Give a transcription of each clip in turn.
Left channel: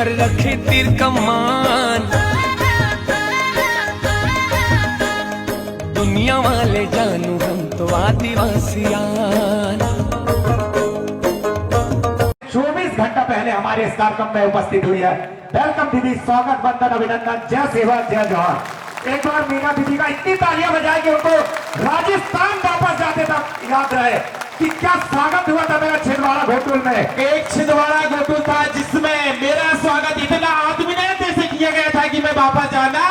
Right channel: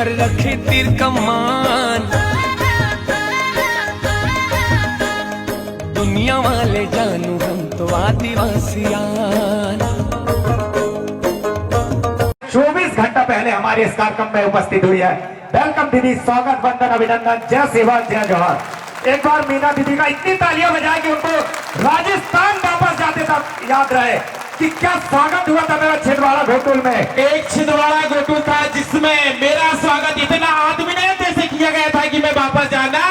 घर रखे तीर कमान, दुनिया वाले जानू हम तो आदिवासियान। 24 घंटा पहले हमारे इस कार्यक्रम में उपस्थित हुई है। वेलकम दीदी, स्वागत, वंदन, अभिनंदन, जय सेवा, जय जवाहर। एक बार मीना दीदी का इतनी तालियां बजाए कि उनको राजस्थान वापस जाते तक याद रहे कि क्या स्वागत हुआ था मेरा छिंदवाड़ा घोटुल में। एक छिंदवाड़ा घोटुल था जिसमें मेरा स्वागत इतना आत्मीयता से किया गया था कि मैं वापस जाना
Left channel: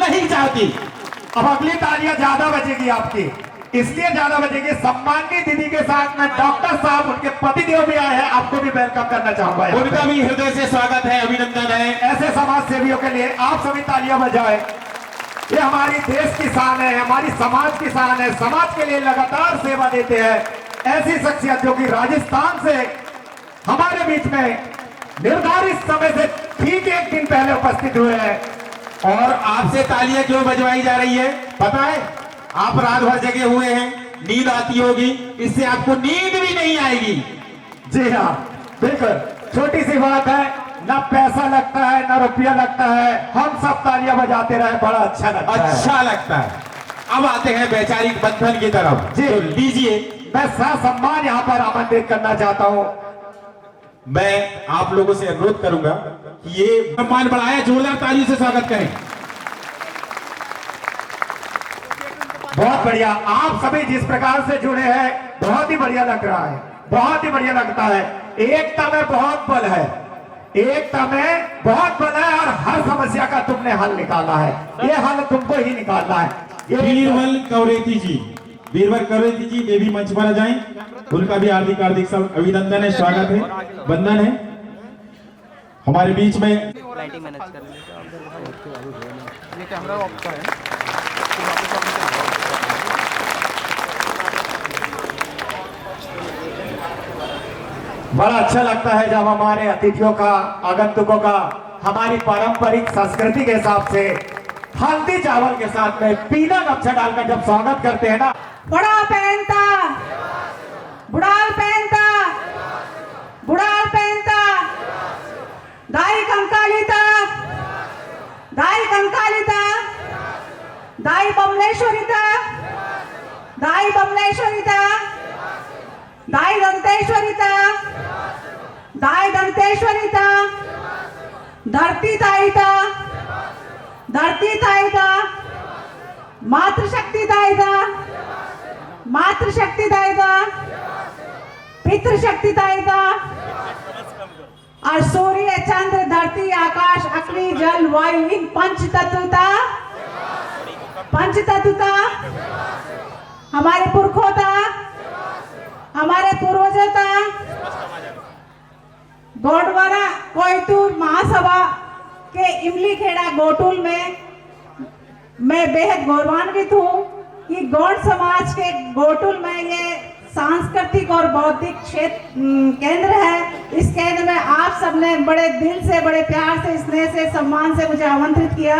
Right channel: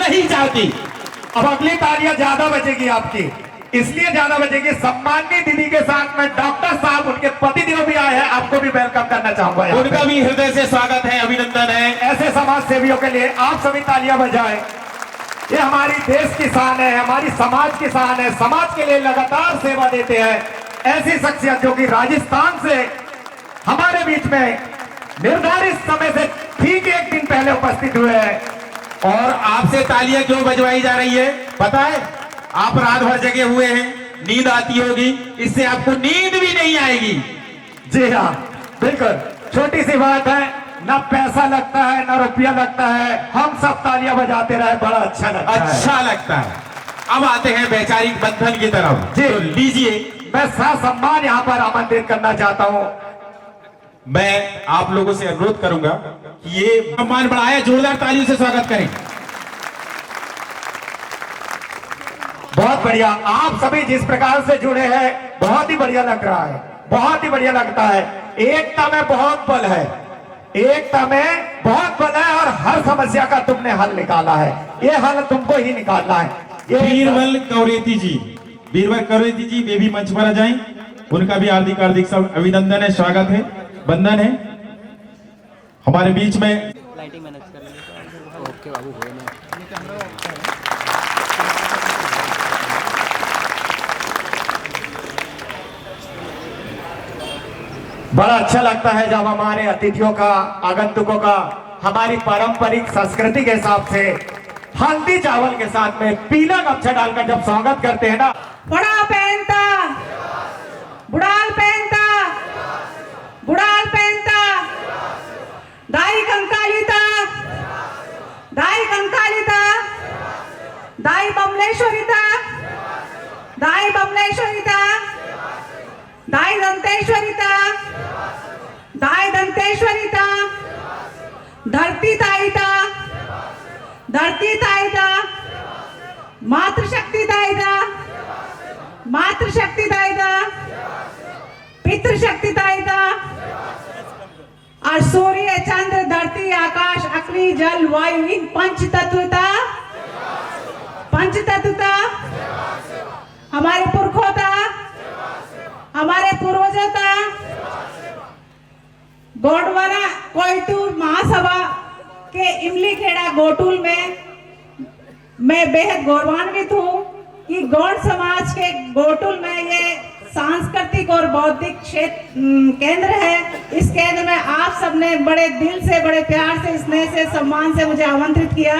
नहीं चाहती। अब अगली तालियां ज्यादा बजेगी आपकी, इसलिए ज्यादा बजेगी। सम्मानित दीदी के साथ में डॉक्टर साहब, उनके पतिदेव भी आए हैं, आपको भी वेलकम करना चाहूंगा। उनका भी हृदय से स्वागत है, अभिनंदन है। ऐसे समाज सेवियों के लिए आप सभी तालियां बजाएं। ये हमारी देश की शान है, हमारी समाज की शान है, समाज के लिए लगातार सेवा देते हैं ऐसी शख्सियत जो कि राजस्थान से हमारे बीच में निर्धारित समय से ठीक एक दिन पहले उपस्थित हुए हैं। और आपसे तालियां क्यों बजवाई जा रही है पता है? आप रात भर जगे हुए हैं, नींद आती होगी, इससे आपको नींद भी नहीं आएगी। जी हाँ, बिल्कुल, छोटी सी बात है, ना पैसा लगता है ना रुपया लगता है, हम सब तालियां बजाते रहे, बड़ा अच्छा लगता है। अब आते हैं वैचारिक बंधन की तरफ। जी तो लीजिए, मैं सम्मान यहाँ पर आमंत्रित करना चाहता हूँ। मैं आप लोगों से अनुरोध करूंगा कि ये सम्मान बढ़ाए, जोरदार तालियों से स्वागत करें। बहुत बढ़िया, आप सभी जिस प्रकार से जुड़े हैं बहुत ही बढ़िया लग रहा है, बहुत ही बढ़िया लगता है। एकता में बहुत बल है, एकता में बहुत बल है और हर समस्या का तुमने हल निकाला है, ये हल तुमको ही निकालना है। बीरबल कौरेती जी, बीरबल कौरेती जी वे भी मंच पर आ जाएं, उनका भी हार्दिक हार्दिक अभिनंदन है, स्वागत है, वंदन है। हमारे बीच में लाइटिंग मैनेज कर बड़ा अच्छा लगता है जब हमारे अतिथियों का, आगंतुकों का हमारी पारंपरिक संस्कृति के हिसाब से हल्दी चावल के साथ में पीला गमछा डालकर जब स्वागत करते हैं ना। बड़ा पहनता, बुढ़ाल पहनता, बुढ़ाल पहनता, दाई कंकालिता, दाई कंकालिता, दाई बमलेश्वरिता, दाई बमलेश्वरिता, दाई दंतेश्वरिता, दाई दंतेश्वरिता, धरती ताईता, धरती ताईता, मातृशक्ति दायिता, मातृशक्ति दायिता, पितृशक्ति दायिता, और सूर्य, चंद्र, धरती, आकाश, अग्नि, जल, वायु, इन पंच तत्वता हमारे पुरखों था, हमारे पूर्वजों था। गोडवारा कोयतूर महासभा के इमली खेड़ा गोटुल में मैं बेहद गौरवान्वित हूँ कि गौड़ समाज के गोटुल में ये सांस्कृतिक और बौद्धिक क्षेत्र केंद्र है। इस केंद्र में आप सबने बड़े दिल से, बड़े प्यार से, स्नेह से, सम्मान से मुझे आमंत्रित किया।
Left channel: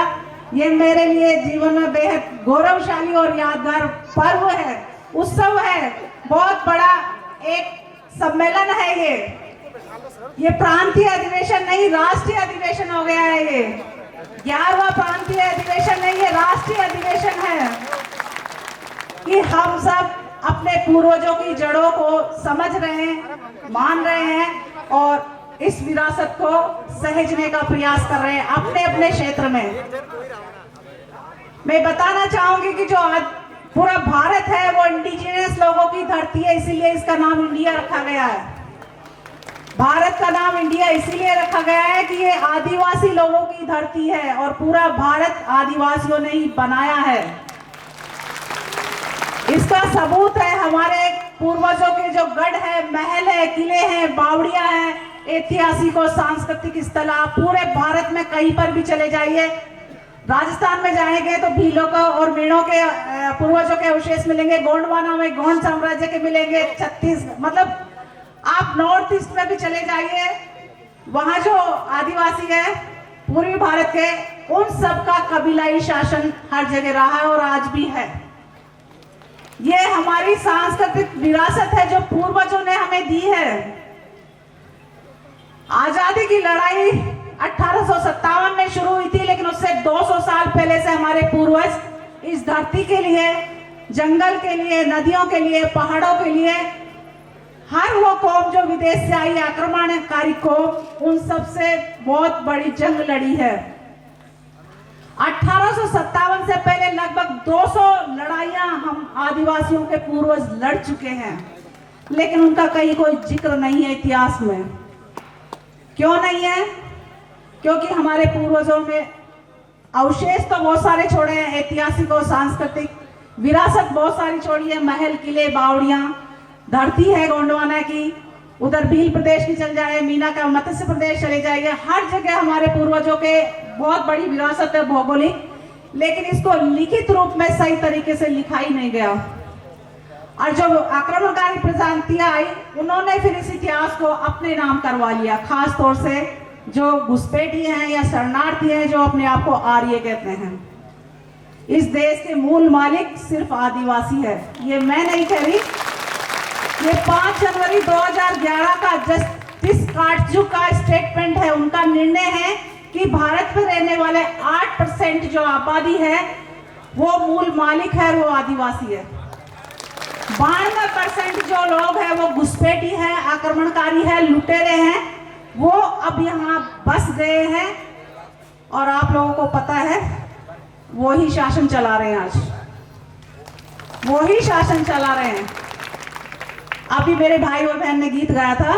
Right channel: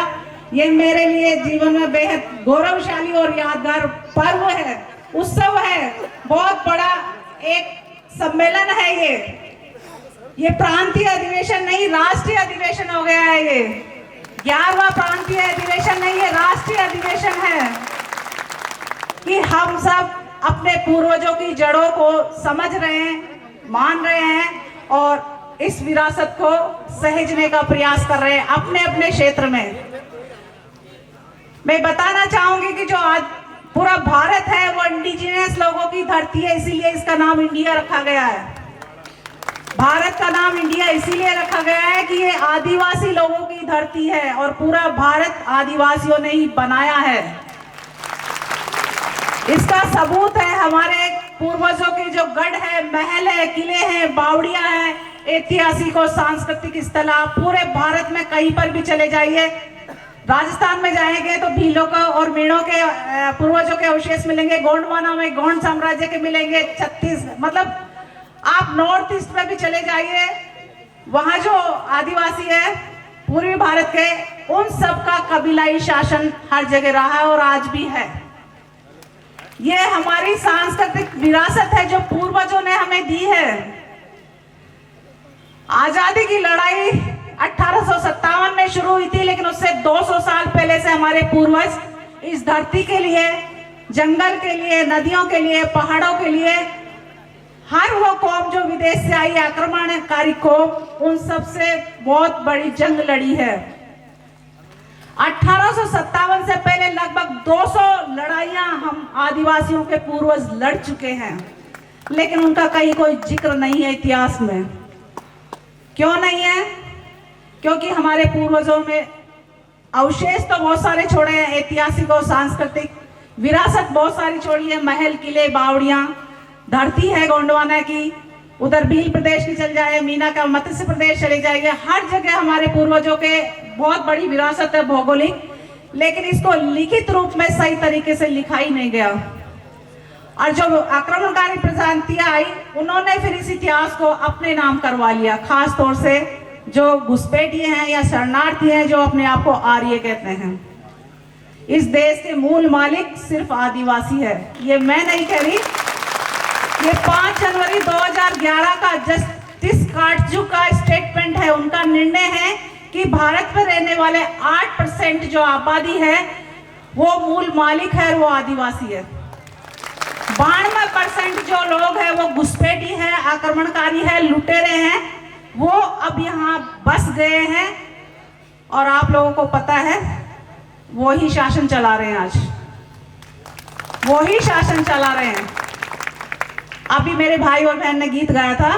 ये मेरे लिए जीवन में बेहद गौरवशाली और यादगार पर्व है, उत्सव है, बहुत बड़ा एक सम्मेलन है। ये प्रांतीय अधिवेशन नहीं, राष्ट्रीय अधिवेशन हो गया है। ये 11वां प्रांतीय अधिवेशन नहीं है, राष्ट्रीय अधिवेशन है कि हम सब अपने पूर्वजों की जड़ों को समझ रहे हैं, मान रहे हैं और इस विरासत को सहेजने का प्रयास कर रहे हैं अपने अपने क्षेत्र में। मैं बताना चाहूंगी कि जो आज पूरा भारत है वो इंडिजिनियस लोगों की धरती है, इसीलिए इसका नाम इंडिया रखा गया है। भारत का नाम इंडिया इसीलिए रखा गया है कि ये आदिवासी लोगों की धरती है और पूरा भारत आदिवासियों ने ही बनाया है। इसका सबूत है हमारे पूर्वजों के जो गढ़ है, महल है, किले हैं, बावड़ियां हैं, ऐतिहासिक और सांस्कृतिक स्थल। आप पूरे भारत में कहीं पर भी चले जाइए, राजस्थान में जाएंगे तो भीलों का और मीणों के पूर्वजों के अवशेष मिलेंगे, गोंडवाना में गोंड साम्राज्य के मिलेंगे, मतलब आप नॉर्थ ईस्ट में भी चले जाइए, वहां जो आदिवासी है पूर्वी भारत के, उन सब का कबीलाई शासन हर जगह रहा है और आज भी है। ये हमारी सांस्कृतिक विरासत है जो पूर्वजों ने हमें दी है। आजादी की लड़ाई हिंदुस्तान में शुरू हुई थी, लेकिन उससे 200 साल पहले से हमारे पूर्वज इस धरती के लिए, जंगल के लिए, नदियों के लिए, पहाड़ों के लिए, हर वो कौम जो विदेश से आई आक्रमणकारी कौम, उन सबसे बहुत बड़ी जंग लड़ी है। 1857 से पहले लगभग 200 लड़ाइयां हम आदिवासियों के पूर्वज लड़ चुके हैं, लेकिन उनका कहीं कोई जिक्र नहीं है इतिहास में। क्यों नहीं है? क्योंकि हमारे पूर्वजों में अवशेष तो बहुत सारे छोड़े हैं, ऐतिहासिक और सांस्कृतिक विरासत बहुत सारी छोड़ी है, महल, किले, बावड़ियां, धरती है गोंडवाना की, उधर भील प्रदेश की चल जाए, मीना का मत्स्य प्रदेश चले जाइए, हर जगह हमारे पूर्वजों के बहुत बड़ी विरासत है भौगोलिक, लेकिन इसको लिखित रूप में सही तरीके से लिखा ही नहीं गया। और जो आक्रमणकारी प्रजातियां आई, उन्होंने फिर इस इतिहास को अपने नाम करवा लिया, खास तौर से जो घुसपैठिए हैं या शरणार्थी हैं, जो अपने आप को आर्य कहते हैं। इस देश के मूल मालिक सिर्फ आदिवासी है, ये मैं नहीं कह रही, ये 5 जनवरी 2011 का जस्टिस काटजू का स्टेटमेंट है। उनका निर्णय है कि भारत में रहने वाले 8% जो आबादी है वो मूल मालिक है, वो आदिवासी है। 92% जो लोग हैं वो घुसपैठी हैं, आक्रमणकारी हैं, लुटेरे हैं, वो अब यहाँ बस गए हैं और आप लोगों को पता है वो ही शासन चला रहे हैं, आज वो ही शासन चला रहे हैं। अभी मेरे भाई और बहन ने गीत गाया था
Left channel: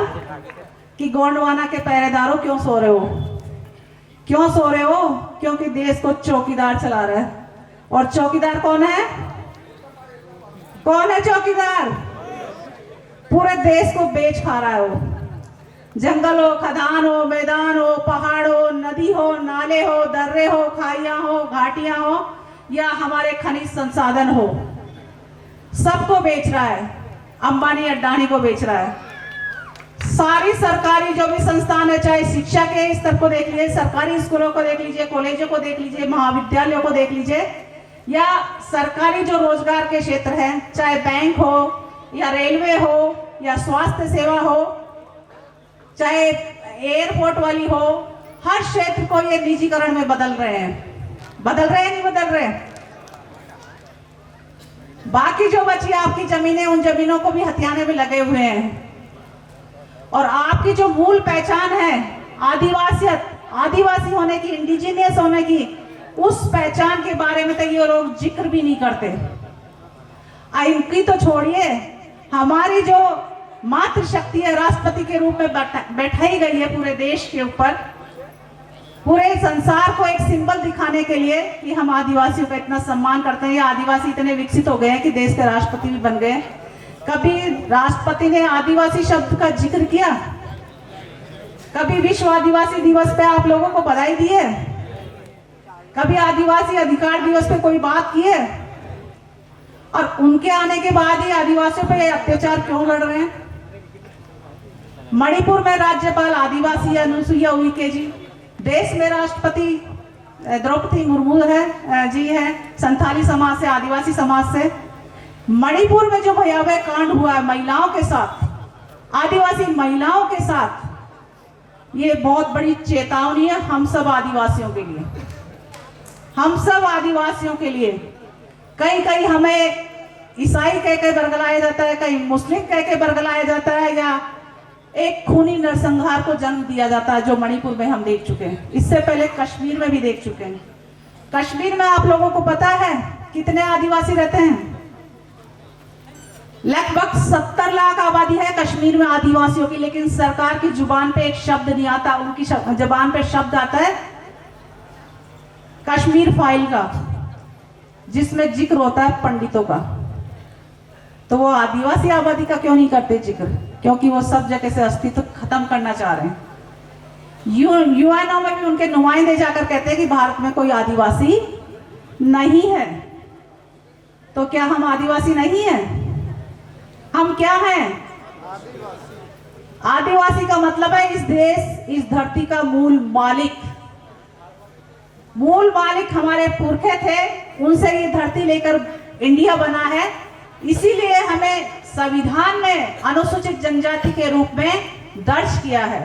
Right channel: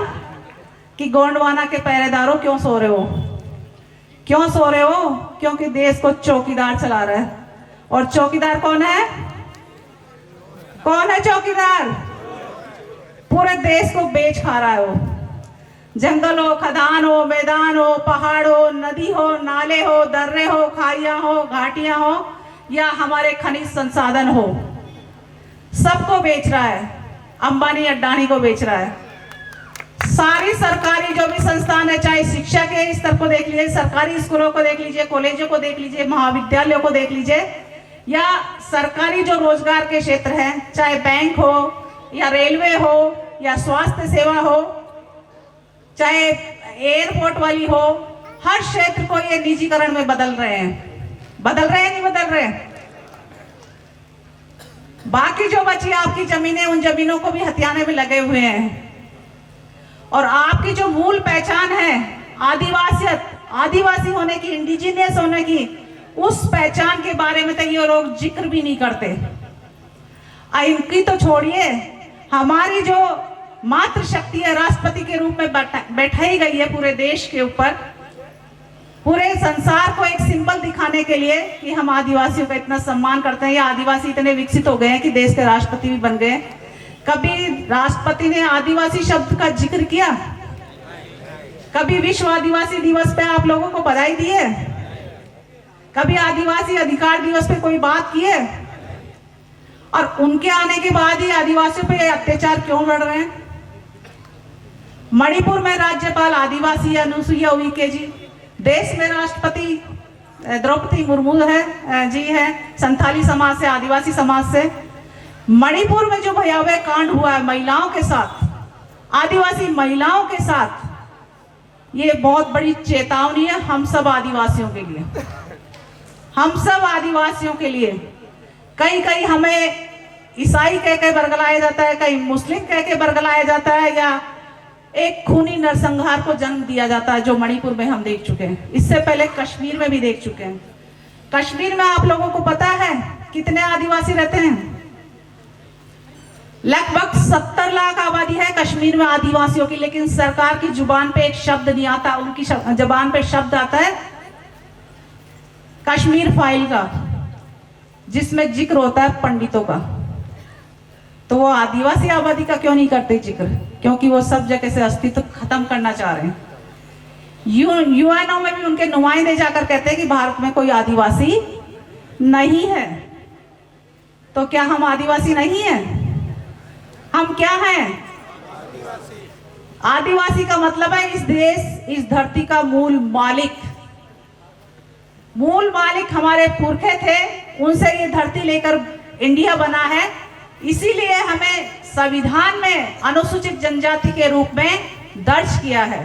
कि गोंडवाना के पहरेदारों क्यों सो रहे हो, क्यों सो रहे हो? क्योंकि देश को चौकीदार चला रहा है। और चौकीदार कौन है? कौन है चौकीदार? पूरे देश को बेच खा रहा है वो। जंगल हो, खदान हो, मैदान हो, पहाड़ हो, नदी हो, नाले हो, दर्रे हो, खाइयां हो, घाटियां हो, या हमारे खनिज संसाधन हो, सबको बेच रहा है। अंबानी अडानी को बेच रहा है। सारी सरकारी जो भी संस्थान है, चाहे शिक्षा के स्तर को देख लीजिए, सरकारी स्कूलों को देख लीजिए, कॉलेजों को देख लीजिए, महाविद्यालयों को देख लीजिए, या सरकारी जो रोजगार के क्षेत्र हैं, चाहे बैंक हो या रेलवे हो या स्वास्थ्य सेवा हो, चाहे एयरपोर्ट वाली हो, हर क्षेत्र को ये निजीकरण में बदल रहे हैं। बदल रहे हैं, नहीं बदल रहे? बाकी जो बची आपकी जमीनें, उन जमीनों को भी हथियाने में लगे हुए हैं। और आपकी जो मूल पहचान है आदिवासियत, आदिवासी होने की, इंडिजिनियस होने की, उस पहचान के बारे में तो ये लोग जिक्र भी नहीं करते। इनकी तो छोड़िए, हमारी जो मातृशक्ति है, राष्ट्रपति के रूप में बैठाई गई है पूरे देश के ऊपर, पूरे संसार को एक सिंबल दिखाने के लिए कि हम आदिवासियों का इतना सम्मान करते हैं, या आदिवासी इतने विकसित हो गए हैं कि देश के राष्ट्रपति भी बन गए। कभी राष्ट्रपति ने आदिवासी शब्द का जिक्र किया? कभी विश्व आदिवासी दिवस पे आप लोगों को बधाई दी है? कभी आदिवासी अधिकार दिवस पे कोई बात की है? और उनके आने के बाद ही आदिवासियों पे अत्याचार क्यों बढ़ रहे हैं? मणिपुर में राज्यपाल आदिवासी अनुसुईया उइके जी, देश में राष्ट्रपति द्रौपदी मुर्मू है जी है, संथाली समाज से, आदिवासी समाज से। मणिपुर में जो भयावह कांड हुआ है महिलाओं के साथ, आदिवासी महिलाओं के साथ, ये बहुत बड़ी चेतावनी है हम सब आदिवासियों के लिए, हम सब आदिवासियों के लिए। कहीं कहीं हमें ईसाई कह के बरगलाया जाता है, कहीं मुस्लिम कह के बरगलाया जाता है, या एक खूनी नरसंहार को जन्म दिया जाता है, जो मणिपुर में हम देख चुके हैं। इससे पहले कश्मीर में भी देख चुके हैं। कश्मीर में आप लोगों को पता है कितने आदिवासी रहते हैं? लगभग 70 लाख आबादी है कश्मीर में आदिवासियों की, लेकिन सरकार की जुबान पे एक शब्द नहीं आता। उनकी जुबान पे शब्द आता है कश्मीर फाइल का, जिसमें जिक्र होता है पंडितों का। तो वो आदिवासी आबादी का क्यों नहीं करते जिक्र? क्योंकि वो सब जगह से अस्तित्व खत्म करना चाह रहे हैं। यूएनओ में भी उनके नुमाइंदे जाकर कहते हैं कि भारत में कोई आदिवासी नहीं है। तो क्या हम आदिवासी नहीं हैं? हम क्या हैं? आदिवासी का मतलब है इस देश, इस धरती का मूल मालिक। मूल मालिक हमारे पुरखे थे, उनसे ये धरती लेकर इंडिया बना है। इसीलिए हमें संविधान में अनुसूचित जनजाति के रूप में दर्ज किया है।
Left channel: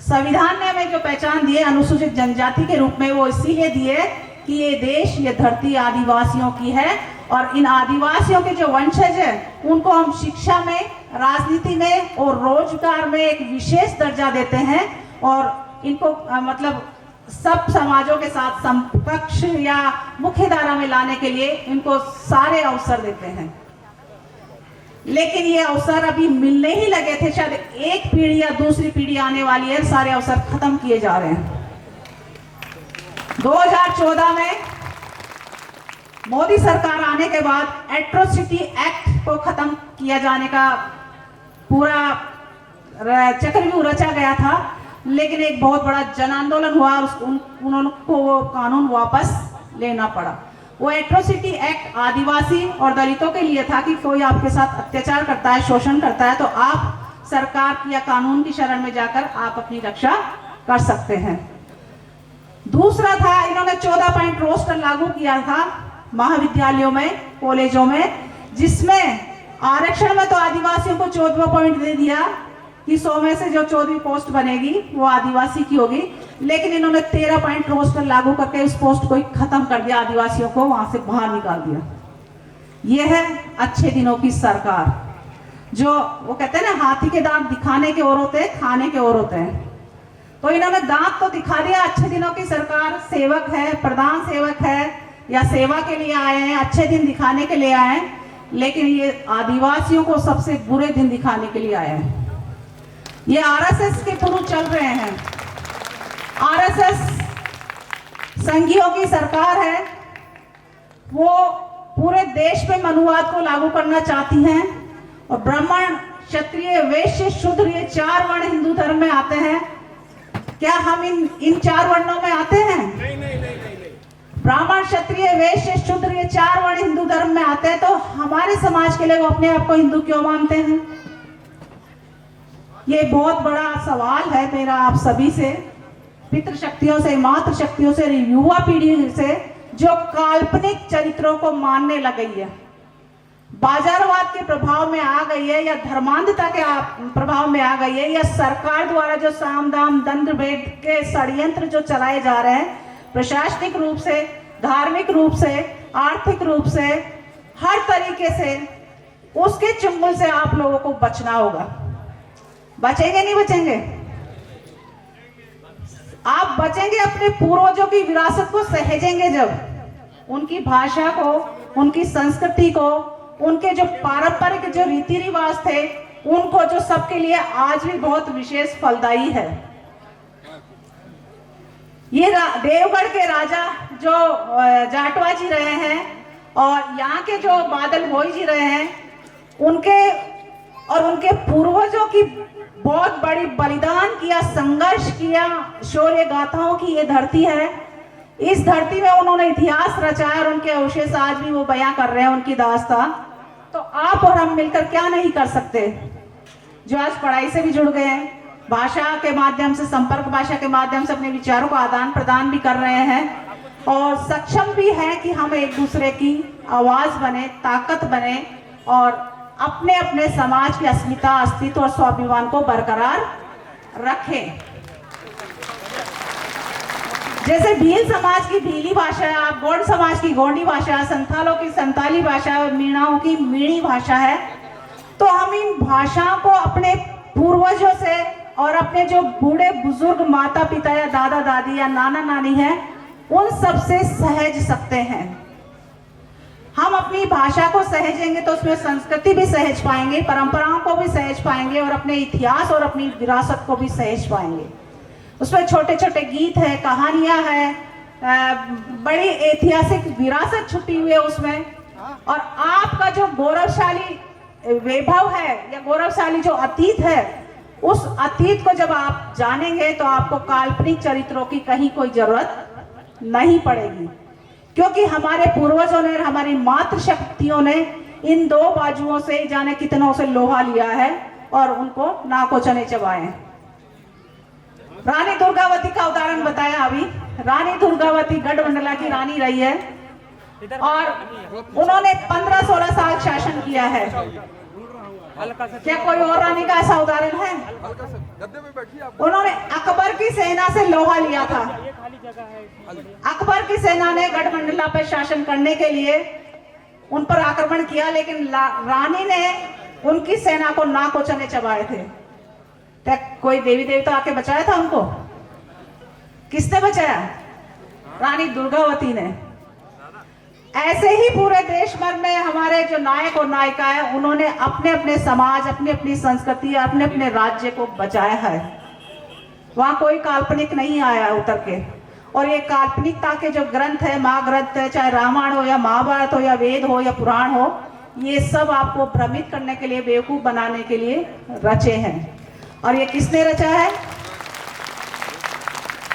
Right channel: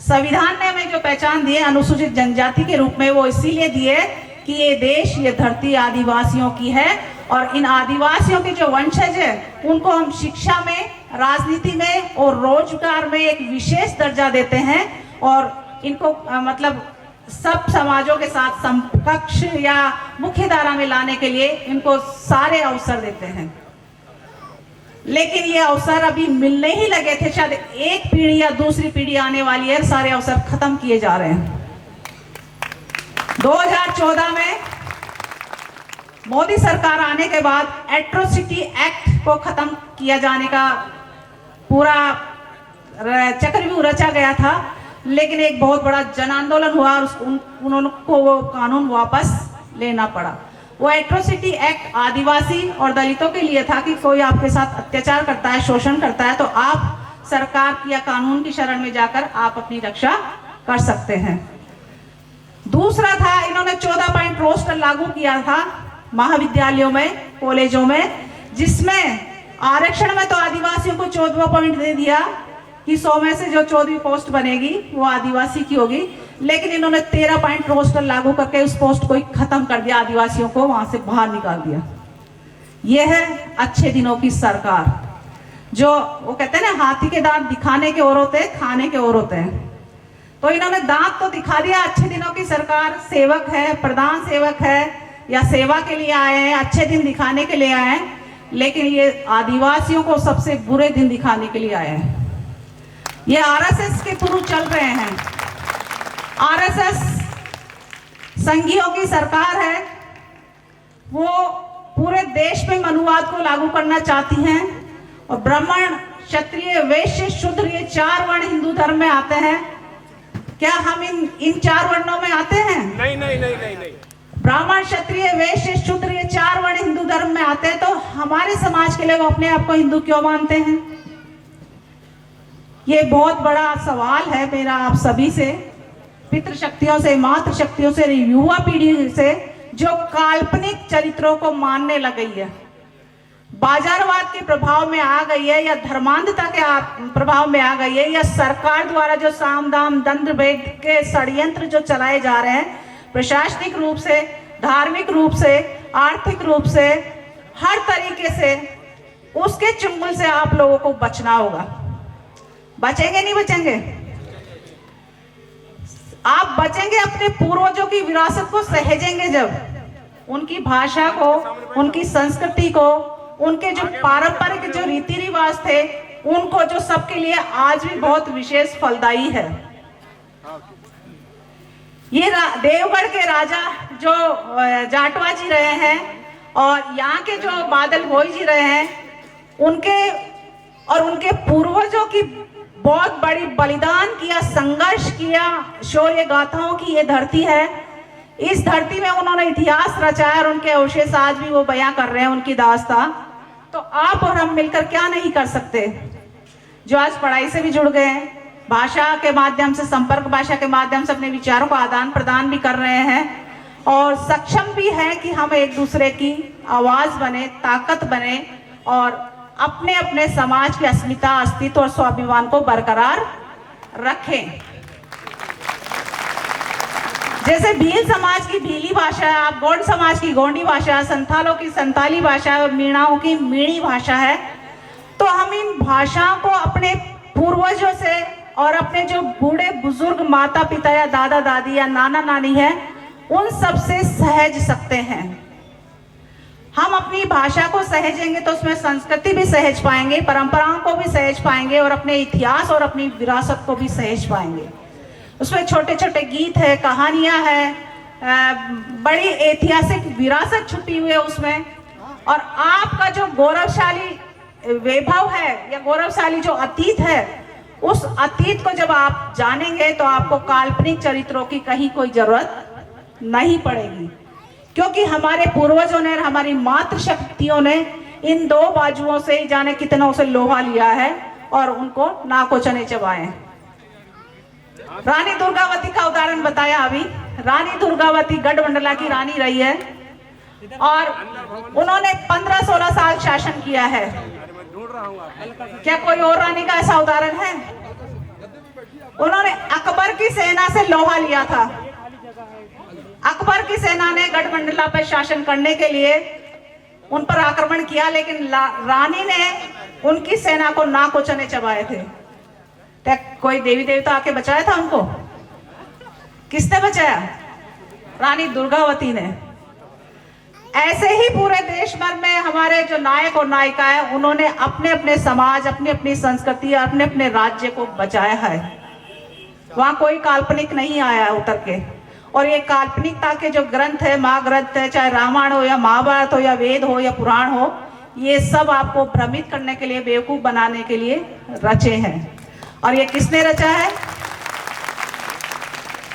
संविधान ने हमें जो पहचान दी है अनुसूचित जनजाति के रूप में, वो इसीलिए दी है कि ये देश, ये धरती आदिवासियों की है और इन आदिवासियों के जो वंशज है उनको हम शिक्षा में, राजनीति में और रोजगार में एक विशेष दर्जा देते हैं और इनको मतलब सब समाजों के साथ समकक्ष या मुख्य धारा में लाने के लिए इनको सारे अवसर देते हैं। लेकिन ये अवसर अभी मिलने ही लगे थे, शायद एक पीढ़ी या दूसरी पीढ़ी आने वाली है, सारे अवसर खत्म किए जा रहे हैं। 2014 में मोदी सरकार आने के बाद एट्रोसिटी एक्ट को खत्म किया जाने का पूरा चक्रव्यूह रचा गया था, लेकिन एक बहुत बड़ा जन आंदोलन हुआ, उनको वो कानून वापस लेना पड़ा। वो एट्रोसिटी एक्ट आदिवासी और दलितों के लिए था कि कोई आपके साथ अत्याचार करता है, शोषण करता है, तो आप सरकार या कानून की शरण में जाकर आप अपनी रक्षा कर सकते हैं। दूसरा था, इन्होंने 14 पॉइंट रोस्टर लागू किया था महाविद्यालयों में, कॉलेजों में, जिसमें आरक्षण में तो आदिवासियों को 14 पॉइंट दे दिया कि 100 में से जो 14वीं पोस्ट बनेगी वो आदिवासी की होगी, लेकिन इन्होंने 13 पॉइंट रोस्टर लागू करके उस पोस्ट को ही खत्म कर दिया, आदिवासियों को वहां से बाहर निकाल दिया। यह है अच्छे दिनों की सरकार, जो वो कहते हैं ना, हाथी के दांत दिखाने के और होते हैं, खाने के और होते हैं। तो इन्होंने दांत तो दिखा दिया, अच्छे दिनों की सरकार, सेवक है, प्रधान सेवक है या सेवा के लिए आए हैं, अच्छे दिन दिखाने के लिए आए हैं, लेकिन ये आदिवासियों को सबसे बुरे दिन दिखाने के लिए आए हैं। ये आरएसएस के थ्रू चल रहे हैं। आरएसएस संघियों की सरकार है, वो पूरे देश में मनुवाद को लागू करना चाहती हैं और ब्राह्मण, क्षत्रिय, वैश्य, शूद्र, ये 4 वर्ण हिंदू धर्म में आते हैं। क्या हम इन 4 वर्णों में आते हैं? नहीं नहीं नहीं नहीं नहीं। ब्राह्मण, क्षत्रिय, वैश्य, शूद्र, ये 4 वर्ण हिंदू धर्म में आते हैं, तो हमारे समाज के लिए वो अपने आप को हिंदू क्यों मानते हैं? ये बहुत बड़ा सवाल है मेरा आप सभी से, पितृशक्तियों से, मातृशक्तियों से, युवा पीढ़ी से, जो काल्पनिक चरित्रों को मानने लग गई है, बाजारवाद के प्रभाव में आ गई है या धर्मांधता के प्रभाव में आ गई है, या सरकार द्वारा जो साम दाम दंड भेद के षड्यंत्र जो चलाए जा रहे हैं, प्रशासनिक रूप से, धार्मिक रूप से, आर्थिक रूप से, हर तरीके से, उसके चुंगल से आप लोगों को बचना होगा। बचेंगे नहीं बचेंगे? आप बचेंगे अपने पूर्वजों की विरासत को सहेजेंगे जब, उनकी भाषा को, उनकी संस्कृति को, उनके जो पारंपरिक जो रीति रिवाज थे, उनको, जो सबके लिए आज भी बहुत विशेष फलदायी है। ये देवगढ़ के राजा जो जाटवा जी रहे हैं और यहाँ के जो बादल भोई जी रहे हैं, उनके और उनके पूर्वजों की बहुत बड़ी बलिदान किया, संघर्ष किया, शौर्य गाथाओं की ये धरती है। इस धरती में उन्होंने इतिहास रचाया और उनके अवशेष आज भी वो बयां कर रहे हैं, उनकी दास्तां। तो आप और हम मिलकर क्या नहीं कर सकते, जो आज पढ़ाई से भी जुड़ गए हैं, भाषा के माध्यम से, संपर्क भाषा के माध्यम से अपने विचारों का आदान प्रदान भी कर रहे हैं और सक्षम भी हैं कि हम एक दूसरे की आवाज बने, ताकत बने और अपने अपने समाज की अस्मिता, अस्तित्व और स्वाभिमान को बरकरार रखें। जैसे भील समाज की भीली भाषा है, गोंड समाज की गोंडी भाषा है, संथालों की संताली भाषा है, मीणाओं की मीणी भाषा है, तो हम इन भाषाओं को अपने पूर्वजों से और अपने जो बूढ़े बुजुर्ग माता पिता या दादा दादी या नाना नानी हैं, उन सब से सहज सकते हैं। हम अपनी भाषा को सहेजेंगे तो उसमें संस्कृति भी सहज पाएंगे, परंपराओं को भी सहज पाएंगे और अपने इतिहास और अपनी विरासत को भी सहज पाएंगे। उसमें छोटे छोटे गीत है, कहानियां है, बड़ी ऐतिहासिक विरासत छुपी हुई है उसमें। और आपका जो गौरवशाली वैभव है या गौरवशाली जो अतीत है, उस अतीत को जब आप जानेंगे तो आपको काल्पनिक चरित्रों की कहीं कोई जरूरत नहीं पड़ेगी, क्योंकि हमारे पूर्वजों ने, हमारी मातृशक्तियों ने इन 2 बाजुओं से जाने कितनों से लोहा लिया है और उनको नाको चने चबाए। रानी दुर्गावती का उदाहरण बताया अभी। रानी दुर्गावती गढ़मंडला की रानी रही है और उन्होंने 15-16 साल शासन किया है। क्या कोई और रानी का ऐसा उदाहरण है? उन्होंने अकबर की सेना से लोहा लिया था। अकबर की सेना ने गढ़मंडला पर शासन करने के लिए उन पर आक्रमण किया, लेकिन रानी ने उनकी सेना को नाकोचने चबाए थे। क्या कोई देवी देवता आके बचाया था उनको? किसने बचाया? रानी दुर्गावती ने। ऐसे ही पूरे देश भर में हमारे जो नायक और नायिका है, उन्होंने अपने अपने समाज, अपनी अपनी संस्कृति, अपने अपने राज्य को बचाया है। वहां कोई काल्पनिक नहीं आया उतर के। और ये काल्पनिकता के जो ग्रंथ है, महाग्रंथ है, चाहे रामायण हो या महाभारत हो या वेद हो या पुराण हो, ये सब आपको भ्रमित करने के लिए, बेवकूफ बनाने के लिए रचे हैं। और ये किसने रचा है?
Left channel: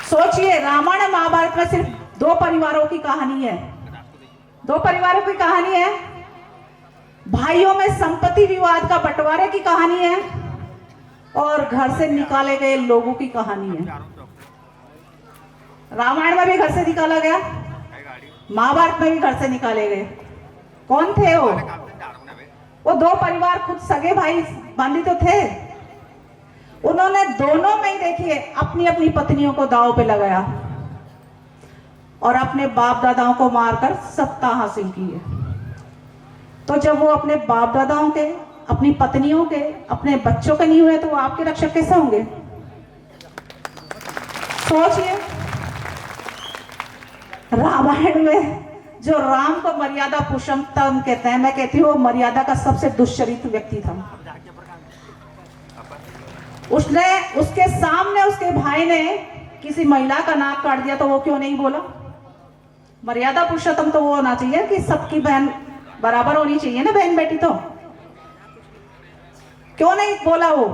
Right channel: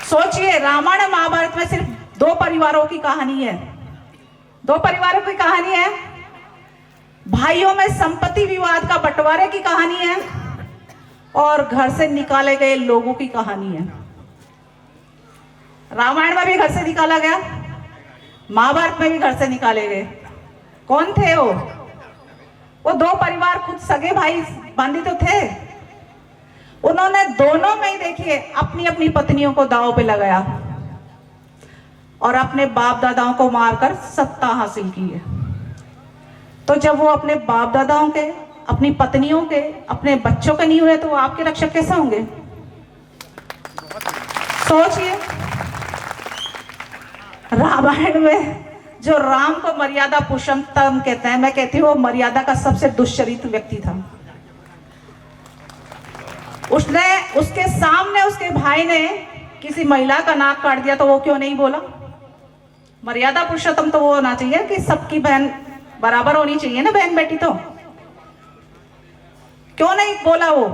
सोचिए, रामायण और महाभारत में सिर्फ 2 परिवारों की कहानी है। 2 परिवारों की कहानी है। भाइयों में संपत्ति विवाद का बंटवारे की कहानी है और घर से निकाले गए लोगों की कहानी है। रामायण में भी घर से निकाला गया, महाभारत में भी घर से निकाले गए। कौन थे वो 2 परिवार खुद सगे भाई बंदी तो थे। उन्होंने दोनों में ही देखिए अपनी अपनी पत्नियों को दांव पे लगाया और अपने बाप दादाओं को मारकर सत्ता हासिल की है। तो जब वो अपने बाप दादाओं के, अपनी पत्नियों के, अपने बच्चों के नहीं हुए, तो वो आपके रक्षक कैसे होंगे? सोचिए, रामायण में जो राम को मर्यादा पुरुषोत्तम कहते हैं, मैं कहती हूँ वो मर्यादा का सबसे दुष्चरित्र व्यक्ति था। उसके सामने उसके भाई ने किसी महिला का नाक काट दिया तो वो क्यों नहीं बोला? मर्यादा पुरुषोत्तम तो वो होना चाहिए कि सबकी बहन बराबर होनी चाहिए ना, बहन बेटी। तो क्यों नहीं बोला वो?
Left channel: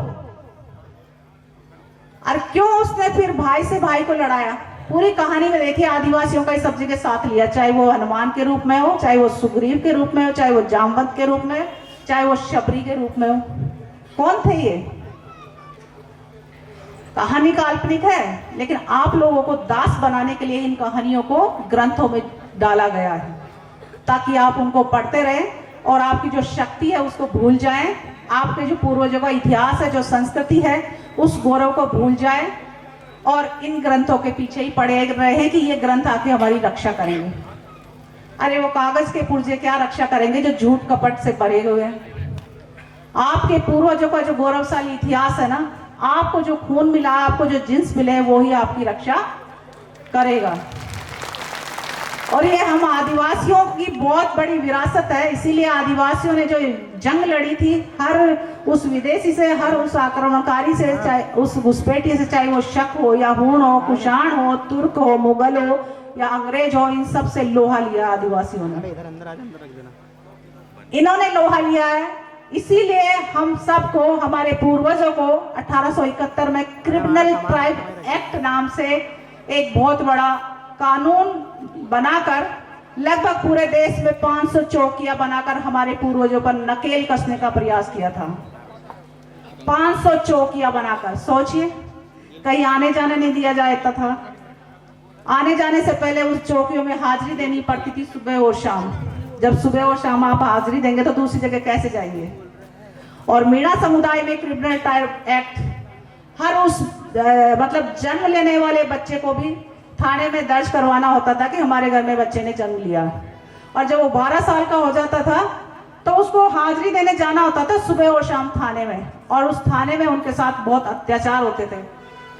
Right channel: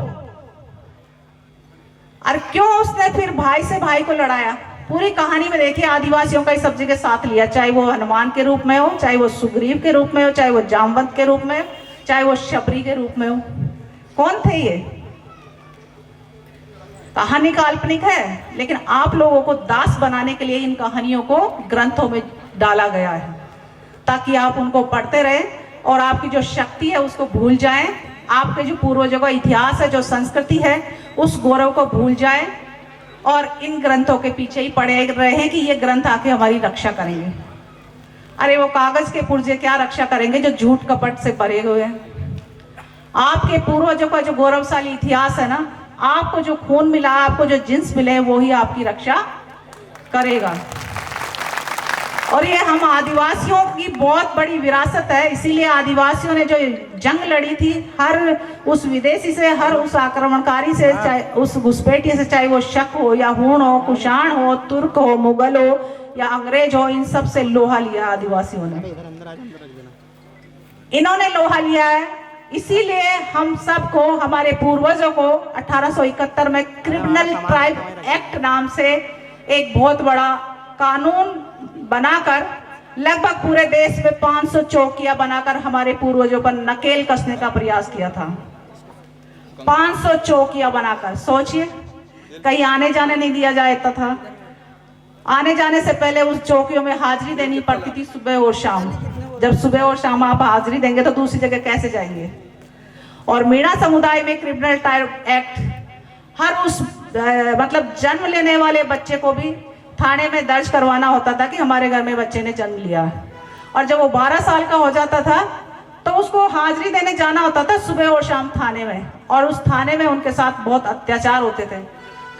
और क्यों उसने फिर भाई से भाई को लड़ाया? पूरी कहानी में देखिए, आदिवासियों का इस सब जगह साथ लिया, चाहे वो हनुमान के रूप में हो, चाहे वो सुग्रीव के रूप में हो, चाहे वो जामवंत के रूप में हो, चाहे वो शबरी के रूप में हो। कौन थे ये? कहानी काल्पनिक है, लेकिन आप लोगों को दास बनाने के लिए इन कहानियों को ग्रंथों में डाला गया है, ताकि आप उनको पढ़ते रहें और आपकी जो शक्ति है उसको भूल जाएं। आपके जो पूर्वजों का इतिहास है, जो संस्कृति है, उस गौरव को भूल जाएं और इन ग्रंथों के पीछे ही पड़े रहे कि ये ग्रंथ आके हमारी रक्षा करेंगे। अरे वो कागज के पुर्जे क्या रक्षा करेंगे जो झूठ कपट से भरे हुए हैं। आपके पूर्वजों का जो गौरवशाली इतिहास है ना, आपको जो खून मिला, आपको जो जिन्स मिले, वो ही आपकी रक्षा करेगा। और ये हम आदिवासियों की बहुत बड़ी विरासत है। इसीलिए आदिवासियों ने जो जंग लड़ी थी, हर उस विदेशी से, हर उस आक्रमणकारी से, चाहे उस घुसपैठी से, चाहे वो शक हो या हूण हो, कुषाण हो, तुर्क हो, मुगल हो या अंग्रेज हो, इन सब से लोहा लिया आदिवासियों ने। इन्होंने लोहा लिया है। इसीलिए हम सबको, हमारे पूर्वजों को 1871 में क्रिमिनल ट्राइब एक्ट नाम से एक बहुत बड़ा कानून बनाकर लगभग पूरे देश में 500 चौकियां बनाकर हमारे पूर्वजों पर नकेल कसने का प्रयास किया था। 500 चौकियां बनाकर, सोचिए, कहीं आने जाने नहीं दिया जाता था। आने जाने से पहले उस चौकियों में हाजिरी देनी पड़ती थी सुबह और शाम। जब सुबह और शाम आप हाजिरी देंगे तो दूसरी जगह कैसे जाएंगे? और मीणा समुदाय में क्रिमिनल ट्राइब एक्ट हर उस मतलब जन्म लेने वाले बच्चे को भी थाने में दर्ज करवाना होता था कि हमारे घर में बच्चे ने जन्म लिया। और जब वो 12 साल का हो जाता था तो उसको हाजिरी देने जाना होता था सुबह और शाम थाने में। और उस थाने में उनके साथ बहुत अत्याचार होते थे।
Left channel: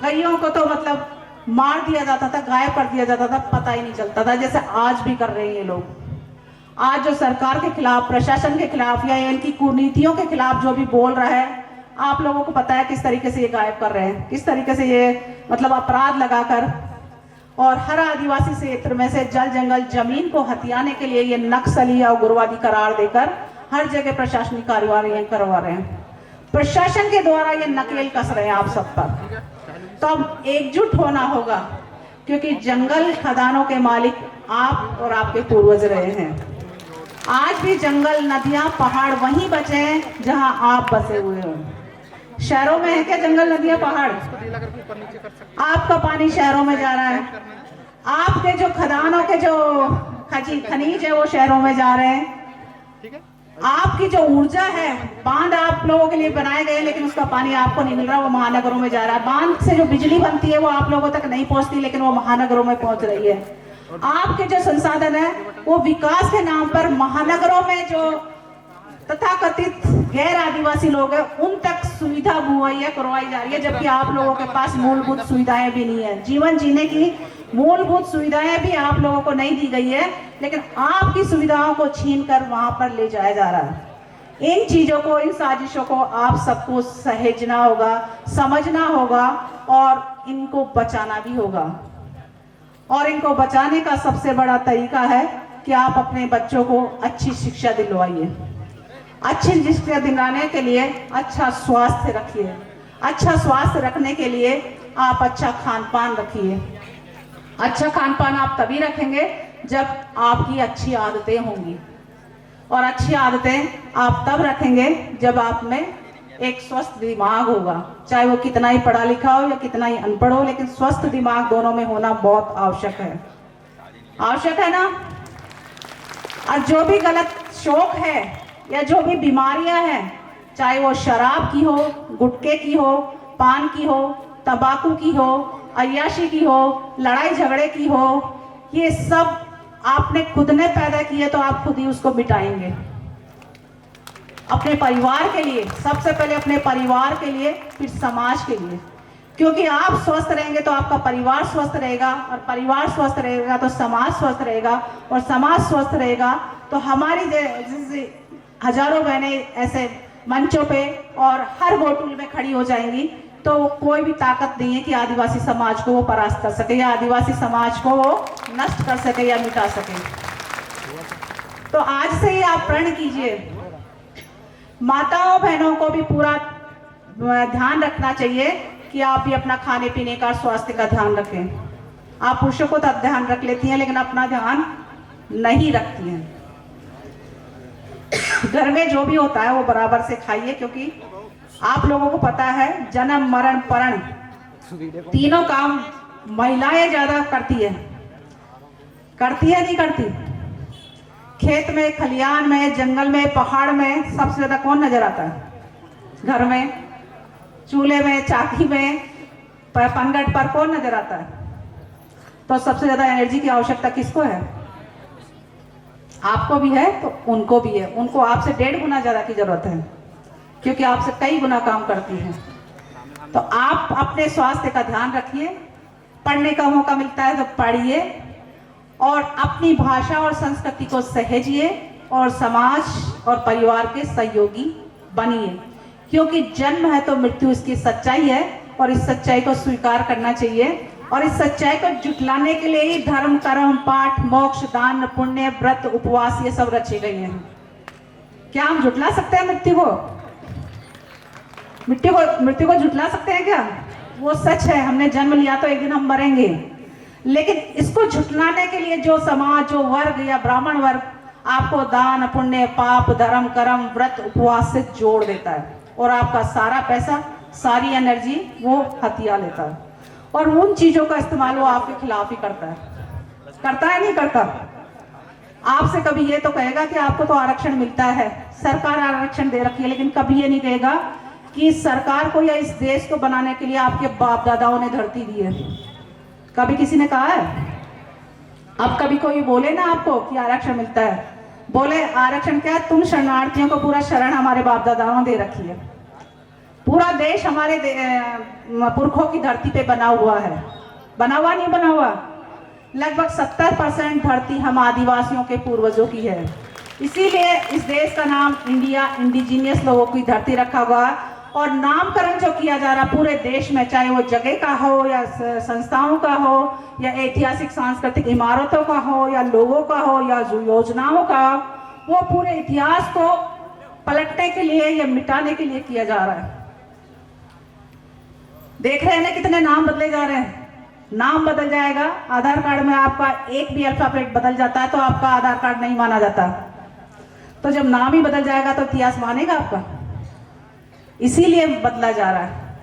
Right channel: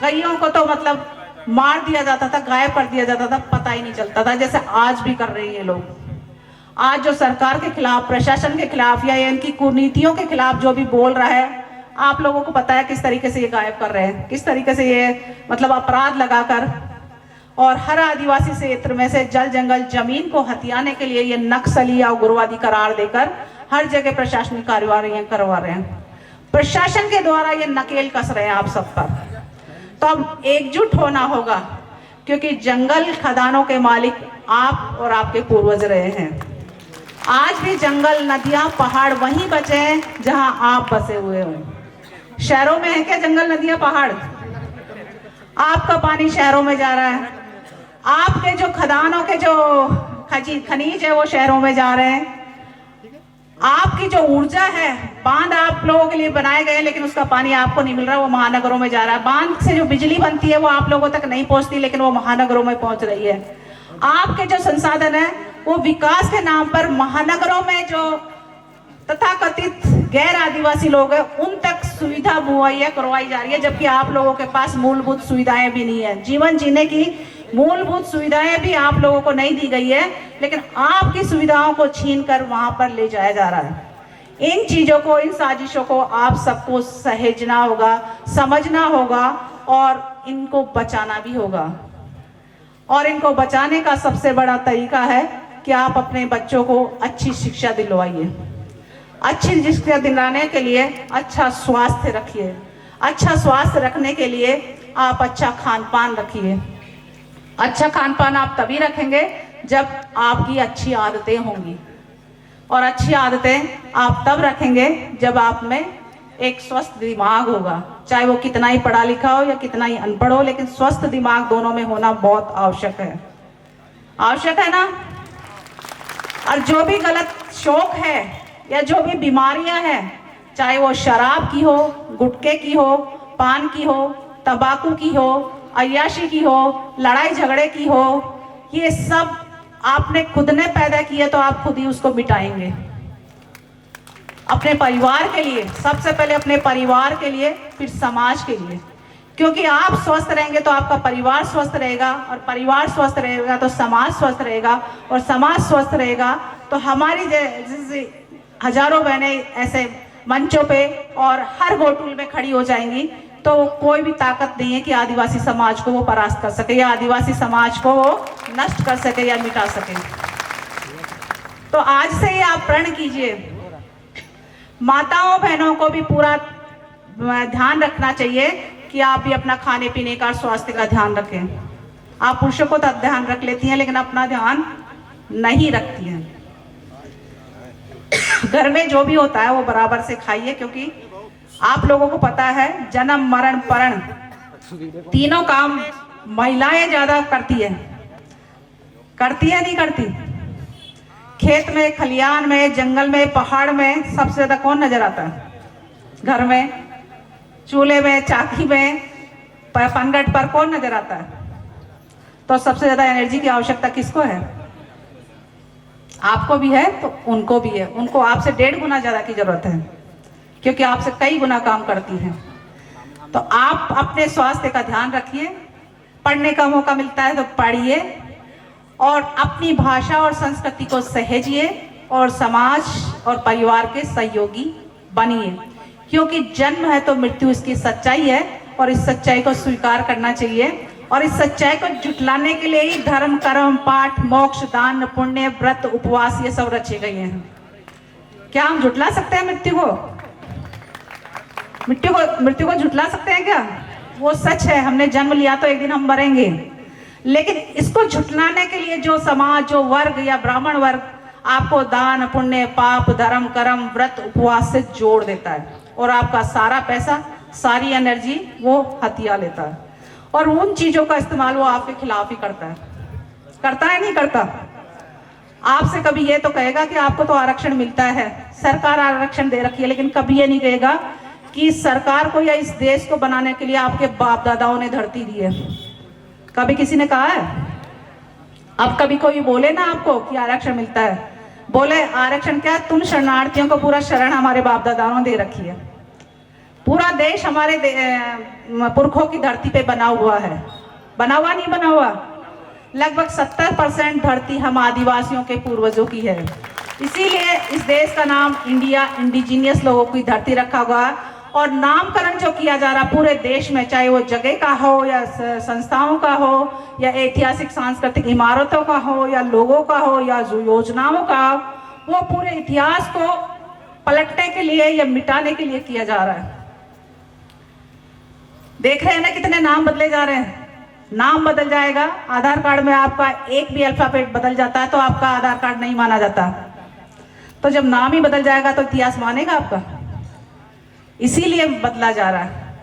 कईयों को तो मतलब मार दिया जाता था, गायब कर दिया जाता था, पता ही नहीं चलता था, जैसे आज भी कर रहे हैं ये लोग। आज जो सरकार के खिलाफ, प्रशासन के खिलाफ या इनकी कुनीतियों के खिलाफ जो भी बोल रहा है, आप लोगों को पता है किस तरीके से ये गायब कर रहे हैं, किस तरीके से ये मतलब अपराध लगाकर। और हर आदिवासी क्षेत्र में से जल जंगल जमीन को हथियाने के लिए ये नक्सली या उग्रवादी करार देकर हर जगह प्रशासनिक कार्यवाही करवा रहे हैं। प्रशासन के द्वारा ये नकेल कस रहे हैं आप सब पर। तो अब एकजुट होना होगा, क्योंकि जंगल खदानों के मालिक आप और आपके पूर्वज रहे हैं। आज भी जंगल, नदियां, पहाड़ वहीं बचे हैं जहां आप बसे हुए हो। शहरों में है क्या जंगल, नदियां, पहाड़? आपका पानी शहरों में जा रहा है। आपके जो खदानों के जो खनिज है वो शहरों में जा रहे हैं। आपकी जो ऊर्जा है, बांध आप लोगों के लिए बनाए गए लेकिन उसका पानी आपको नहीं मिल रहा, वो महानगरों में जा रहा है। बांध से जो बिजली बनती है वो आप लोगों तक नहीं पहुंचती लेकिन वो महानगरों में पहुंच रही है। आपके जो संसाधन है वो विकास के नाम पर महानगरों में जो तथाकथित गैर आदिवासी लोग हैं उन तक सुविधा मुहैया करवाई जा रही है, जबकि आप लोगों के पास मूलभूत सुविधाएं भी नहीं है। जीवन जीने की मूलभूत सुविधाएं भी आप लोगों को नहीं दी गई है, लेकिन आपकी सुविधाओं को छीन कर वहां पर ले जाया जा रहा है। इन चीजों को, इन साजिशों को आप सबको सहेजना होगा, समझना होगा और इनको बचाना भी होगा। और इनको बचाने का सबसे बड़ा तरीका है कि आप अपने बच्चों को अच्छी शिक्षा दिलवाइए। अच्छी शिक्षा दिलाने के लिए अच्छा स्वास्थ्य रखिए। अच्छा स्वास्थ्य रखने के लिए आप अच्छा खान पान रखिए। अच्छा खान पान आप तभी रखेंगे जब आपकी अच्छी आदतें होंगी, और अच्छी आदतें आप तब रखेंगे जब आप में एक स्वस्थ दिमाग होगा। चाहे वो कितना ही पढ़ा लिखा हो या कितना ही अनपढ़ हो, लेकिन स्वस्थ दिमाग दोनों में होना बहुत आवश्यक है। आवश्यक है ना। और जो भी गलत शौक है या जो भी बीमारियां हैं, चाहे वो शराब की हो, गुटखे की हो, पान की हो, तंबाकू की हो, अय्याशी की हो, लड़ाई झगड़े की हो, ये सब आपने खुद ने पैदा किए तो आप खुद ही उसको मिटाएंगे। अपने परिवार के लिए, सबसे पहले अपने परिवार के लिए, फिर समाज के लिए। क्योंकि आप स्वस्थ रहेंगे तो आपका परिवार स्वस्थ रहेगा, और परिवार स्वस्थ रहेगा तो समाज स्वस्थ रहेगा, और समाज स्वस्थ रहेगा तो हमारी जैसे हजारों बहनें ऐसे मंचों पे और हर गोटुल में खड़ी हो जाएंगी, तो कोई भी ताकत नहीं है कि आदिवासी समाज को वो परास्त कर सके या आदिवासी समाज को वो नष्ट कर सके या मिटा सके। तो आज से ही आप प्रण कीजिए। माताओं बहनों को भी पूरा ध्यान रखना चाहिए कि आप भी अपना खाने पीने का, स्वास्थ्य का ध्यान रखें। आप पुरुषों को तब ध्यान रख लेती हैं लेकिन अपना ध्यान नहीं रखती हैं। घर में जो भी होता है वो बराबर से खाइए, क्योंकि आप लोगों को पता है जन्म मरण परण तीनों काम महिलाएं ज्यादा करती है नहीं करती? खेत में, खलियान में, जंगल में, पहाड़ में सबसे ज्यादा कौन नजर आता है? घर में, चूल्हे में, चाकी में, पनघट पर कौन नजर आता है? तो सबसे ज्यादा एनर्जी की आवश्यकता किसको है? आपको भी है तो उनको भी है। उनको आपसे 1.5 गुना ज्यादा की जरूरत है, क्योंकि आपसे कई गुना काम करती हैं। तो आप अपने स्वास्थ्य का ध्यान रखिए। पढ़ने का मौका मिलता है तो पढ़िए, और अपनी भाषा और संस्कृति को सहेजिए, और समाज और परिवार के सहयोगी बनिए। क्योंकि जन्म है तो मृत्यु इसकी सच्चाई है, और इस सच्चाई को स्वीकार करना चाहिए। और इस सच्चाई को जुटलाने के लिए ही धर्म, कर्म, पाठ, मोक्ष, दान, पुण्य, व्रत, उपवास ये सब रचे गए हैं। क्या हम जुटला सकते हैं मृत्यु को? मृत्यु को जुटला सकते हैं क्या? वो सच है, हमने जन्म लिया तो एक दिन हम मरेंगे। लेकिन इसको झुटलाने के लिए जो समाज, जो वर्ग या ब्राह्मण वर्ग आपको दान, पुण्य, पाप, धर्म, कर्म, व्रत, उपवास से जोड़ देता है, और आपका सारा पैसा, सारी एनर्जी वो हथिया लेता है, और उन चीजों का इस्तेमाल वो आपके खिलाफ ही करता है नहीं करता? आपसे कभी ये तो कहेगा कि आपको तो आरक्षण मिलता है, सरकार आरक्षण दे रखी है, लेकिन कभी ये नहीं कहेगा कि सरकार को या इस देश को बनाने के लिए आपके बाप दादाओं ने धरती दी है। कभी किसी ने कहा है? अब कभी कोई बोले ना आपको कि आरक्षण मिलता है, बोले आरक्षण क्या, तुम शरणार्थियों को पूरा शरण हमारे बाप दादाओं ने दे रखी है। पूरा देश हमारे पुरखों की धरती पे बना हुआ है। बना हुआ नहीं बना हुआ? लगभग 70% धरती हम आदिवासियों के पूर्वजों की है। इसीलिए इस देश का नाम इंडिया, इंडिजीनियस लोगों की धरती रखा हुआ है। और नामकरण जो किया जा रहा है पूरे देश में, चाहे वो जगह का हो या संस्थाओं का हो या ऐतिहासिक सांस्कृतिक इमारतों का हो या लोगों का हो या योजनाओं का, वो पूरे इतिहास को पलटने के लिए या मिटाने के लिए किया जा रहा है। देख रहे हैं ना कितने नाम बदले जा रहे हैं। नाम बदल जाएगा, आधार कार्ड में आपका एक भी अल्फाबेट बदल जाता है तो आपका आधार कार्ड नहीं माना जाता। तो जब नाम ही बदल जाएगा तो इतिहास मानेगा आपका? इसीलिए बदला जा रहा है।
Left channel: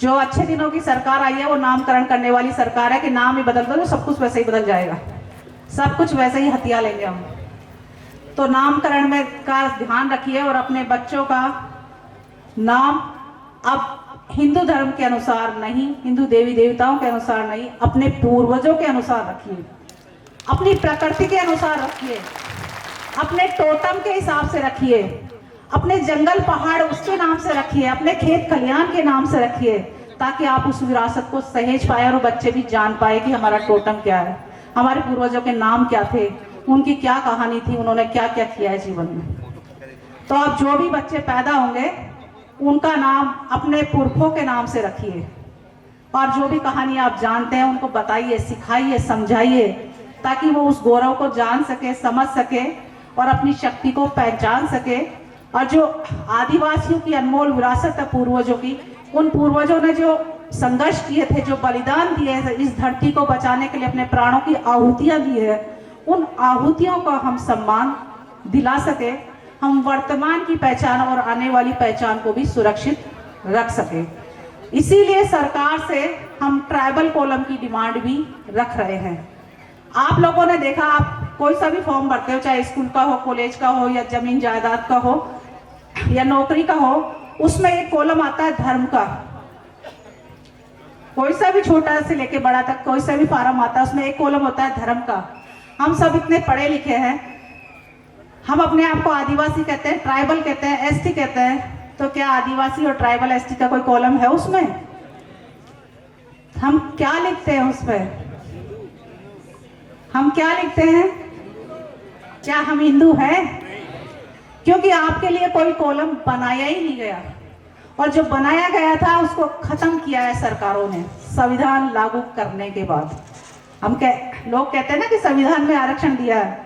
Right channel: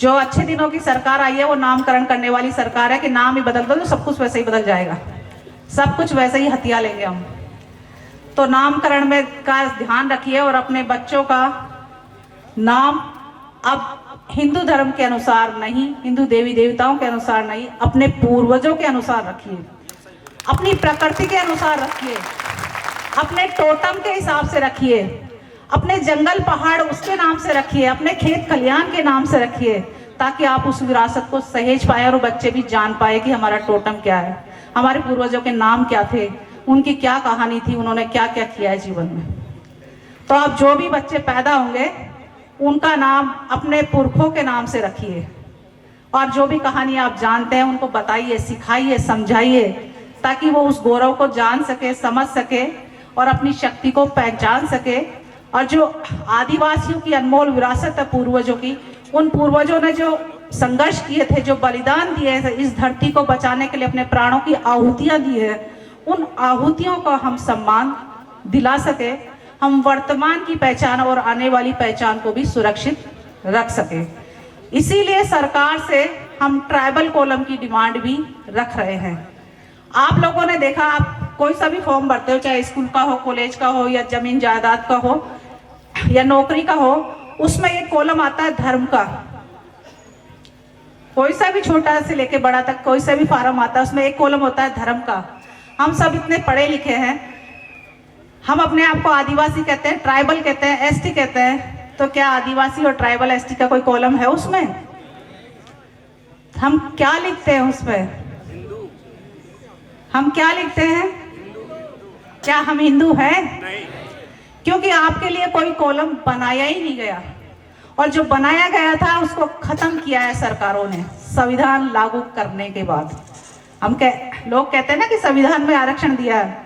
जो अच्छे दिनों की सरकार आई है वो नामकरण करने वाली सरकार है कि नाम ही बदल दो तो सब कुछ वैसे ही बदल जाएगा। सब कुछ वैसे ही हथिया लेंगे हम। तो नामकरण में का ध्यान रखिए और अपने बच्चों का नाम अब हिंदू धर्म के अनुसार नहीं, हिंदू देवी देवताओं के अनुसार नहीं, अपने पूर्वजों के अनुसार रखिए, अपनी प्रकृति के अनुसार रखिए, अपने टोटम के हिसाब से रखिए, अपने जंगल पहाड़ उसके नाम से रखिए, अपने खेत खलियान के नाम से रखिए, ताकि आप उस विरासत को सहेज पाए और बच्चे भी जान पाए कि हमारा टोटम क्या है, हमारे पूर्वजों के नाम क्या थे, उनकी क्या कहानी थी, उन्होंने क्या क्या किया है जीवन में। तो आप जो भी बच्चे पैदा होंगे उनका नाम अपने पुरखों के नाम से रखिए, और जो भी कहानी आप जानते हैं उनको बताइए, सिखाइए, समझाइए, ताकि वो उस गौरव को जान सके, समझ सके और अपनी शक्ति को पहचान सके। और जो आदिवासियों की अनमोल विरासत है पूर्वजों की, उन पूर्वजों ने जो संघर्ष किए थे, जो बलिदान दिए हैं इस धरती को बचाने के लिए, अपने प्राणों की आहुतियां दी है, उन आहुतियों का हम सम्मान दिला सके, हम वर्तमान की पहचान और आने वाली पहचान को भी सुरक्षित रख सके। इसीलिए सरकार से हम ट्राइबल कॉलम की डिमांड भी रख रहे हैं। आप लोगों ने देखा, आप कोई सा भी फॉर्म भरते हो, चाहे स्कूल का हो, कॉलेज का हो, या जमीन जायदाद का हो, या नौकरी का हो, उसमें एक कॉलम आता है धर्म का। कोई सा भी छोटा से लेके बड़ा तक कोई सा भी फार्म आता है, उसमें एक कॉलम होता है धर्म का। हम सब इतने पढ़े लिखे हैं, हम अपने आप को आदिवासी कहते हैं, ट्राइबल कहते हैं, एसटी कहते हैं, तो क्या आदिवासी और ट्राइबल एसटी का कोई कॉलम है उसमें? हम क्या लिखते हैं उसमें? हम क्या लिखते हैं? क्या हम हिंदू हैं? क्योंकि आपके लिए कोई कॉलम बनाया ही नहीं गया, और जो बनाया गया था उसको खत्म किया है सरकारों ने संविधान लागू करने के बाद। लोग कहते हैं ना कि संविधान में आरक्षण दिया है,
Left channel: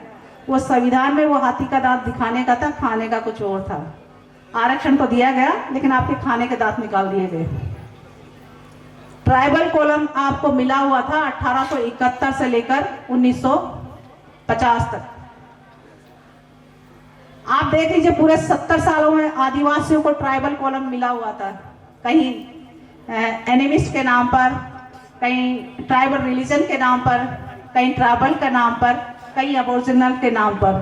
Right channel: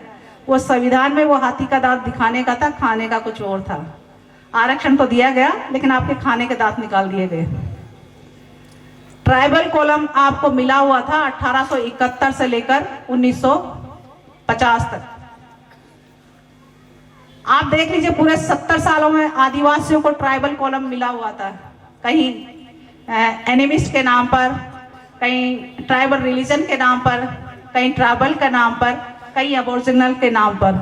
वो संविधान में वो हाथी का दांत दिखाने का था, खाने का कुछ और था। आरक्षण तो दिया गया, लेकिन आपके खाने के दांत निकाल दिए गए। ट्राइबल कॉलम आपको मिला हुआ था 1871 से लेकर 1950 तक। आप देख लीजिए, पूरे 70 सालों में आदिवासियों को ट्राइबल कॉलम मिला हुआ था, कहीं एनिमिस्ट के नाम पर, कहीं ट्राइबल रिलीजन के नाम पर, कहीं ट्राइबल के नाम पर, कहीं अबोरिजिनल के नाम पर।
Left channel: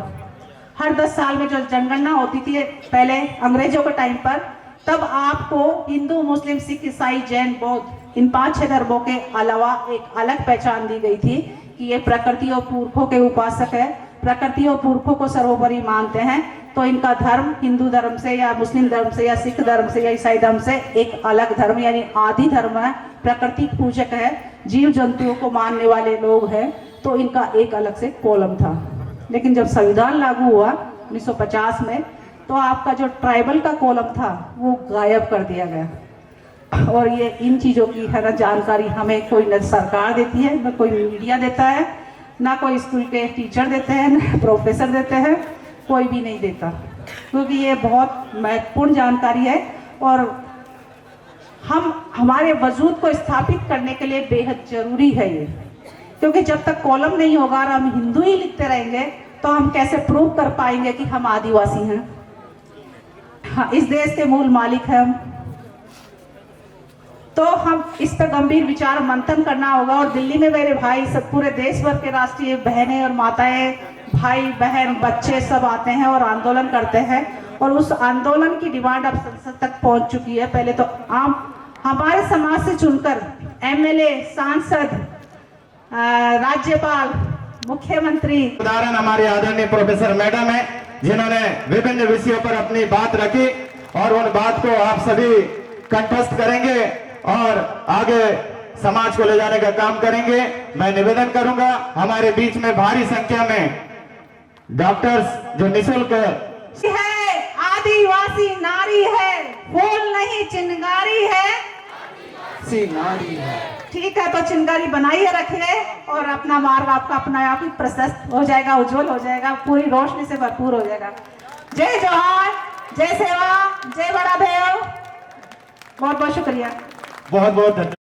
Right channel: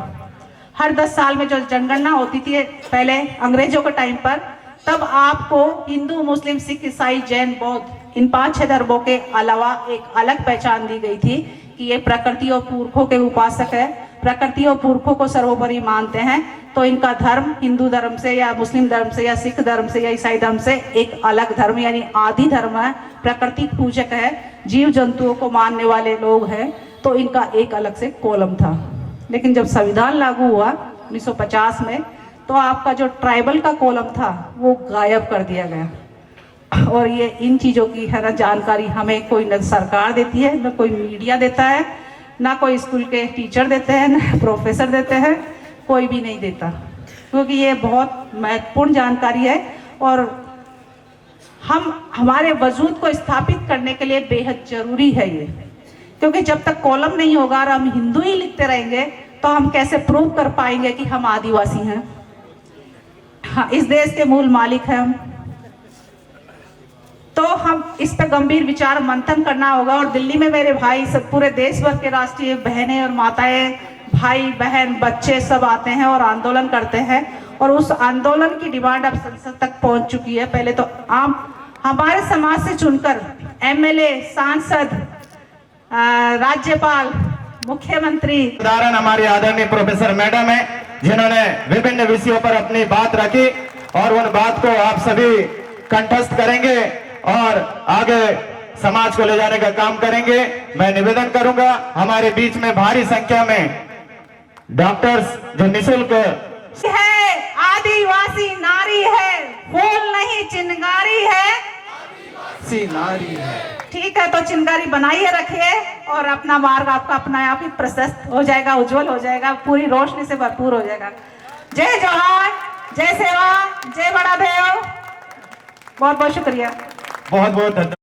हर 10 साल में जो जनगणना होती थी पहले अंग्रेजों के टाइम पर, तब आपको हिंदू, मुस्लिम, सिख, ईसाई, जैन, बौद्ध इन 5-6 धर्मों के अलावा एक अलग पहचान दी गई थी कि ये प्रकृति और पुरखों के उपासक है, प्रकृति और पुरखों को सर्वोपरि मानते हैं। तो इनका धर्म हिंदू धर्म से या मुस्लिम धर्म से या सिख धर्म से या ईसाई धर्म से एक अलग धर्म यानी आदि धर्म है, प्रकृति पूजक है, जीव जंतुओं को मानने वाले लोग हैं, तो इनका एक अलग से कॉलम था। लेकिन जब संविधान लागू हुआ 1950 में, तो आपका जो ट्राइबल का कॉलम था वो गायब कर दिया गया। और ये इन चीज़ों की है ना जानकारी हमें कोई न सरकार देती है, न कोई मीडिया देता है, ना कोई स्कूल के टीचर देते हैं, ना प्रोफेसर देते हैं, कोई भी नहीं देता, क्योंकि ये बहुत महत्वपूर्ण जानकारी है और हमारे वजूद को स्थापित करने के लिए बेहद जरूरी है ये। क्योंकि जब तक कॉलम नहीं होगा और हम हिंदू ही लिखते रहेंगे, तो हम कैसे प्रूव कर पाएंगे कि हम आदिवासी हैं? हाँ, इस देश के मूल मालिक हैं हम। तो हम इस पर गंभीर विचार मंथन करना होगा। और दिल्ली में मेरे भाई सब, पूरे देश भर के राष्ट्रीय बहनें और माताएं, भाई बहन, बच्चे सब आते हैं और आंदोलन करते हैं, और उस आंदोलन की डिमांड अब संसद तक पहुंच चुकी है। पहले तो हमारे समाज से चुनकर एमएलए, सांसद, राज्यपाल, मुख्यमंत्री, उदाहरण हमारे आदरणीय प्रोफेसर मैडम है, जिन्होंने विभिन्न विषयों पर अपनी बात रखी, और उन बात को आप सभी कंठस्थ करेंगे और आगे समाज को ले जाने का काम करेंगे। मैं निवेदन करूंगा, हमारे बीच में भारी संख्या में डॉक्टर्स जो निःशुल्क है, आदिवासी नारी है, फूल नहीं चिंगारी है, नारी है। ठीक है, तो चिंगारी बनाइए रखिए, और अपना मार्ग आपका अपना आप ही प्रशस्त हो जाएगा, उज्जवल हो जाएगा, पूरी रोशनी से भरपूर हो जाएगा। जय जवान, जय सेवा, जय बड़ा देव। बहुत बहुत शुक्रिया। बहुत बहुत धन्यवाद।